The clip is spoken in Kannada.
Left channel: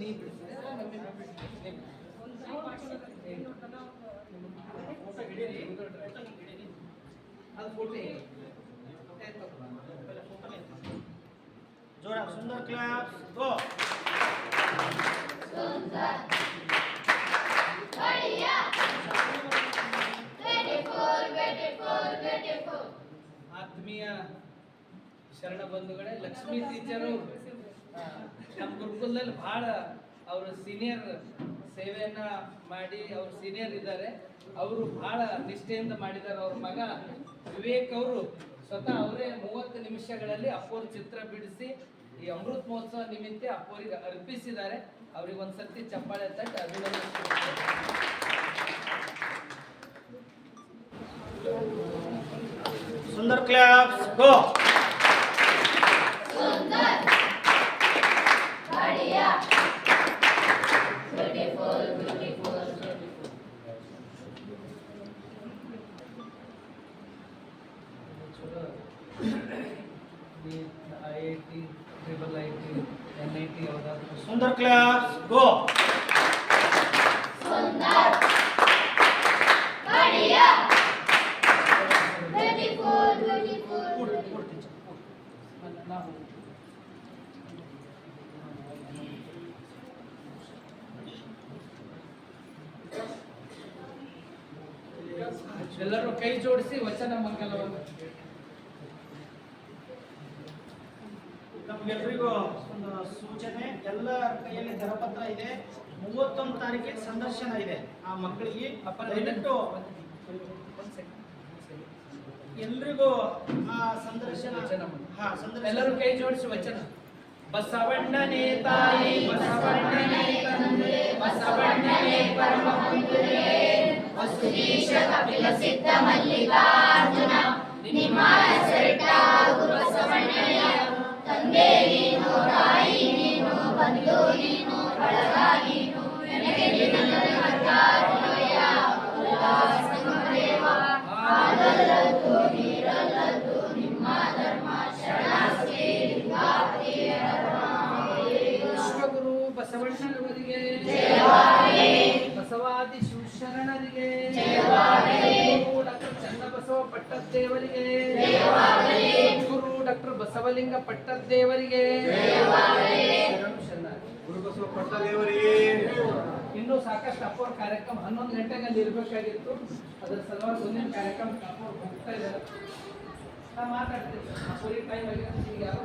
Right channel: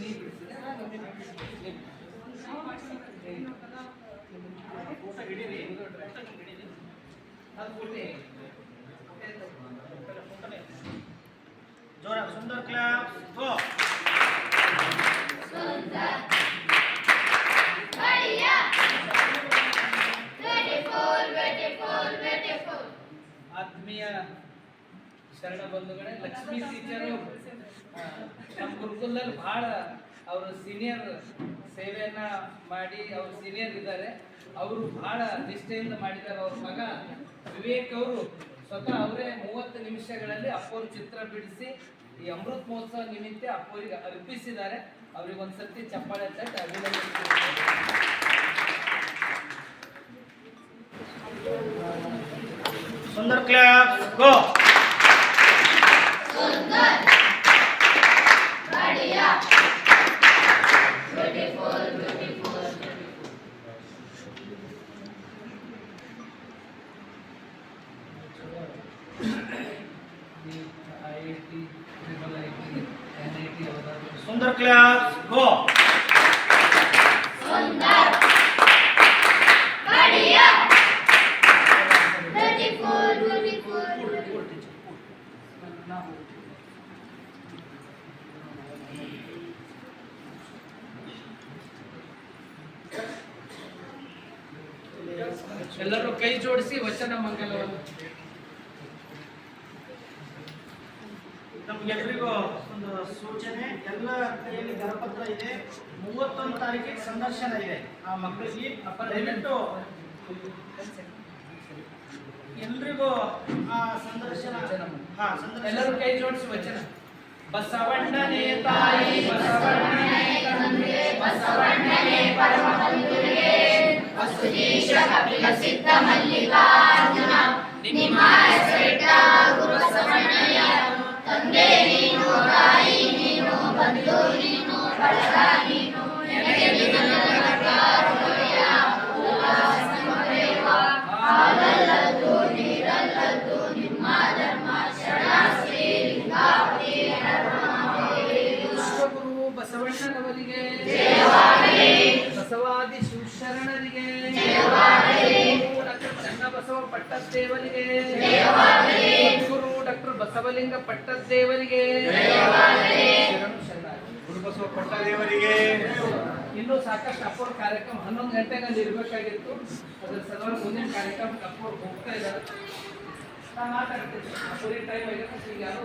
ನೀ ಬಿಡಿಸಿದೆ ಫೋಟೋ ಹಿಡೀರಿ ಅದು ಕೊಡಿ जोर सुंदर क्लैप गो सुंदर बढ़िया ब्यूटीफुल ಆತ್ಮೀಯ ಶರಣ ಬಂಧುಗಳೇ ಲಕ್ಷ್ಮೀ ಟೀಚರು ನಮ್ಮ ಗುರುಕುಲದಲ್ಲಿ ಬಹಳ ಅವರು ಸೀನಿಯರ್ ಸೇವೆಯನ್ನ ಮಾಡಿ ಅವರು ಸೀನಿಯರ್ ಇದ್ದಾರೆ. ಅವರು ಬಹಳ ನಿಷ್ಠೆಯಿಂದ ಮಾಡಿದ್ದಾರೆ. ಅವ್ರ ಮಗ ವಿವೇಕ್ ಅವರು ಸ್ವತಃ ಅವರೇ 30 ನಿಮಿಷಗಳಲ್ಲಿ ಅಪ್ಪೋರ್ ಚಿತ್ರ ಬಿಡಿಸಿ ಈ ಅಮೃತ ಮಹೋತ್ಸವ ನಿಮಿತ್ತ ಅಪ್ಪೋರಿಗೆ ಅರ್ಪಿಸಿದ್ದಾರೆ. ಅವ್ರಿಗೆ ಒಂದ್ಸರ್ತಿ ಚಪ್ಪಾಳೆ ತಟ್ಟಿ ಅಭಿನಂದಿಸ್ತಾರೆ. सुंदर क्लैप गो सुंदर बढ़िया ब्यूटीफुल IIT IIT NIT सुंदर क्लैप गो सुंदर बढ़िया ಎಲ್ಲರೂ ಕೈ ಜೋಡಿಸಿ ವಚನ ಮಂಗಲವನ್ನು ನಮಗೆಲ್ಲರಿಗೂ ಒಂದು ಸೂಚನೆ. ಎಲ್ಲ ಕೈಯಲ್ಲಿ ಕರಪತ್ರ ಇದೆ. 31 ತಾರೀಕಿಗೆ ಸಂದರ್ಶನ ಇದೆ ಆ ಮಕ್ಕಳಿಗೆ. ದಯವಿಟ್ಟು ಎಲ್ರಿಗೂ ಸಂದರ್ಶನ ಎಲ್ಲರೂ ಕೈ ಜೋಡಿಸಿ ವಚನ. ಬಸವಣ್ಣನೇ ತಾಯಿ ಬಸವಣ್ಣನೇ ತಂದೆ ಬಸವಣ್ಣನೇ ಪರಮ ಬಂಧುವೇ ವಸುದೀಶ ಕಪಿಲ ಸಿದ್ಧ ಮಲ್ಲಿಕಾರ್ಜುನ ನಿಮ್ಮ ಶ್ರೇಷ್ಠ ಗುರು ಬಸವಣ್ಣಯ್ಯ ತಂದೆ ನೀನು ತಾಯಿ ನೀನು ಬಂಧು ನೀನು ಬಳಗ ನೀನು ನನಗೆ ಹಾಲಲ್ಲದ್ದು ನೀರಲ್ಲದ್ದು ನಿಮ್ಮ ಧರ್ಮ ಶರಣಾಸ್ತಿ ಲಿಂಗಾವತಿ ವಿಶ್ವಗುರು ಬಸವಣ್ಣನವರಿಗೆ ಬಸವಾದಿ ಶಿವಶರಣರಿಗೆ ಡಾಕ್ಟರ್ ಚನ್ನಬಸವ ಪಟ್ಟದೇವರಿಗೆ ಗುರು ಡಾಕ್ಟರ್ ಬಸವಲಿಂಗ ಪಟ್ಟದೇವರಿಗೆ ಗುರುಬಸವ ಪಟ್ಟದೇವರಿಗೆ. ಇನ್ನೂ ಸಾಕಷ್ಟು ಅಪ್ಪೋರ್ ಕಾರ್ಯಕ್ರಮ 11 ಗಂಟೆಗೆ ಅಲ್ಲಿ ಇರಬೇಕಾಗಿತ್ತು. ಅದರ ಸಲುವಾಗಿ ಮುಂದಿನ ಕಾರ್ಯಕ್ರಮ ಅಪ್ಪೋರ್ ಹೋಗ್ತಾ ಇದ್ದಾರೆ. ನಾನು ಮಾತಾಡ್ತೀನಿ. ಟೈಮ್ ಆಗಿತ್ತು. ಈಗ ಯಾರು